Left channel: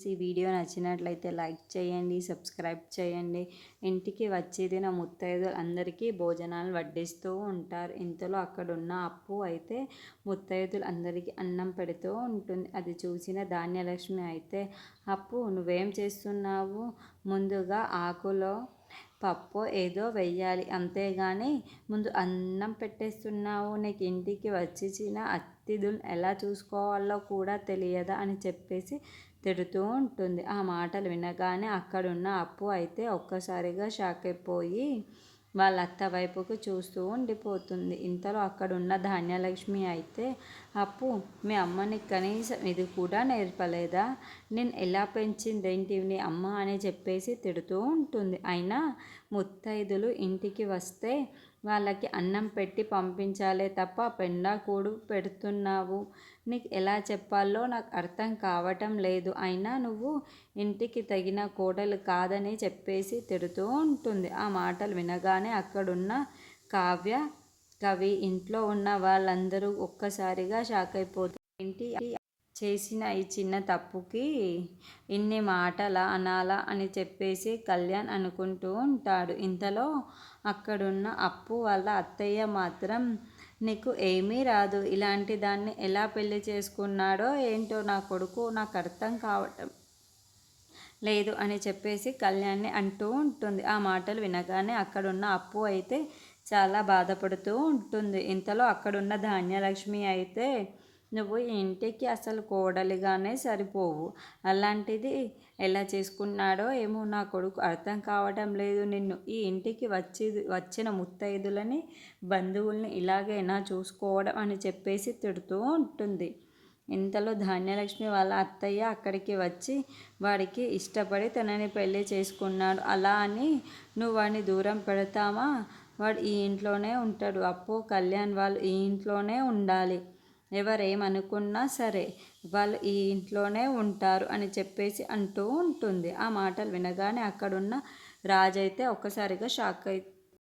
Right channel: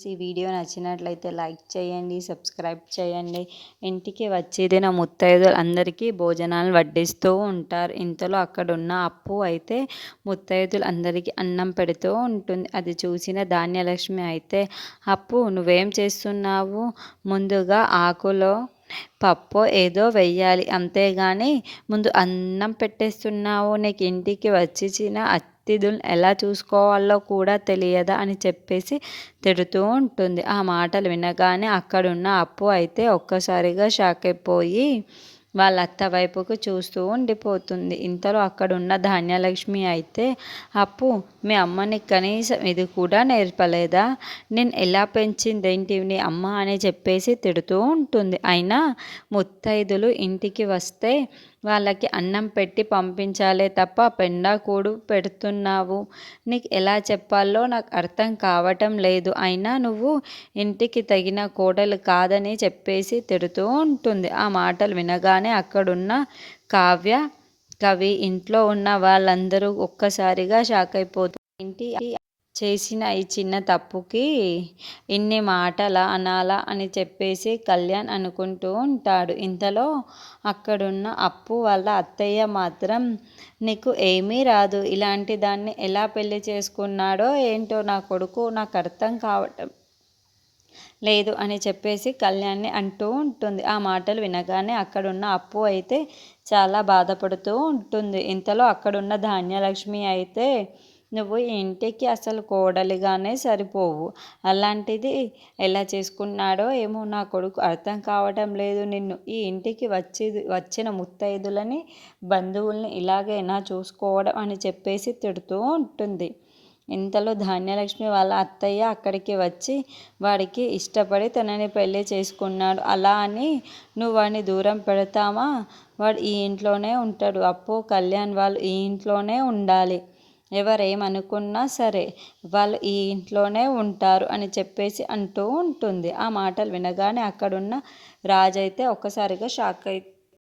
ఈ వీడియో నచ్చినట్లయితే లైక్ చేయండి, సబ్స్క్రైబ్ చేయండి. ఇంటికి వచ్చేదిన ముత్తైదులు అందరికీ భోజనాలు వడ్డిస్తూ ఉంటారు. ఇంతలో అక్కడున్న అప్పు అయితే ముత్తైదులు అందరికీ అన్నం పెడుతూ ఉంటుంది. అది చూసిన ధాన్యలక్ష్మి అయితే, అప్పు నువ్వేం చేస్తున్నావు? ముందుగా ఆకులో పప్పు ఏదో వెయ్యాలి, అంతేగాని ముందు అన్నం పెట్టేస్తున్నావు. నీకు ఇంటికి వచ్చిన అతిథులను ఎలా చూసుకోవాలో కూడా తెలియదా అని చెప్పేసి తిడుతూ ఉంటుంది. ఆ మాటలు వినగానే అక్కడున్న అప్పు అయితే ఒక్కసారిగా షాక్ అయిపోయి వాళ్ళ అత్త వైపుకు చూస్తూ ఉండిపోతుంది. ఇంతలో అక్కడున్న ధాన్యలక్ష్మి అయితే, అప్పు మీ అమ్మని కనీసం ఇది కూడా నేర్పలేదా? నేను ఎలా పెంచిందేంటి నీ అమ్మ అని చెప్పేసి తిడుతూ ఉంటుంది. అయినా ముత్తైదులు ఇంటికి వస్తే వాళ్ళకి అన్నం పెట్టి పంపించాలే తప్ప పెండాకూడు పెడుతున్నావు. నీకు ఎలా చెప్పాలో నాకు అర్థం కావటం లేదు. అయినా నువ్వు ఇంటికి తగిన కోడలు కాదని చెప్పేసి తిడుతూ ఉంటుంది. ఆ మాటలు వినగానే అక్కడున్న కావ్య, కవి, ఇంట్లో ఉన్న వాళ్ళందరూ ఒక్కసారిగా షాక్ అయిపోతారు. ఏంటి చేసిన ఈ చిన్న తప్పుకి ఇన్ని మాటలా అనాలా అని చెప్పేసి కళ్యాణ్ అనుకుంటూ ఉంటాడు. ఇంతలో అక్కడున్న అప్పు వాళ్ళ అత్తయ్య మాత్రం, నీకు ఏమీ రాదు, ఇలాంటి దాన్ని ఎలా పెళ్లి చేసుకున్నాడో ఏంటో నా కొడుకు, నాకు అర్థం కావటం లేదు అని చెప్పేసి కళ్యాణ్ని అంటూ ఉంటుంది. ఆ మాటలు వినగానే అక్కడున్న అప్పు అయితే చాలా బాధపడుతూ ఉంటుంది. ఇంతలో అక్కడున్న ధాన్యలక్ష్మి అయితే, నువ్వు ఈ ఇంటికి అసలు కోడలిగానే సరిపోవు, అలాంటిది ఎలా చేసుకున్నాడో ఏమో నా కొడుకు, అర్థం కావటం లేదు. నిన్ను ఈ ఇంటికి వచ్చిన ముత్తైదులని, బంధువుల్ని ఇలాగైనా చూసుకోవడం అని చెప్పేసి తిడుతూ ఉంటుంది. ఇంతలో ధాన్యలక్ష్మి వాళ్ళ అత్తయ్య అక్కడికి వచ్చి, వాడికి ఇష్టపడి తనని పెళ్లి చేసుకున్నాడు, అలా అని నువ్వు వాడిని దూరం పెడతావా? వాడు ఈ ఇంట్లోనే ఉంటాడు. అప్పు, కళ్యాణ్ వాళ్ళు ఈ ఇంట్లోనే ఉండాలి. ఎవరేమనుకున్నా సరే వాళ్ళు ఈ ఇంట్లోనే ఉంటారు అని చెప్పేసి అంటూ ఉంటుంది. ఆ మాటలు వినగానే అక్కడున్న రాజైతే ఒక్కసారిగా షాక్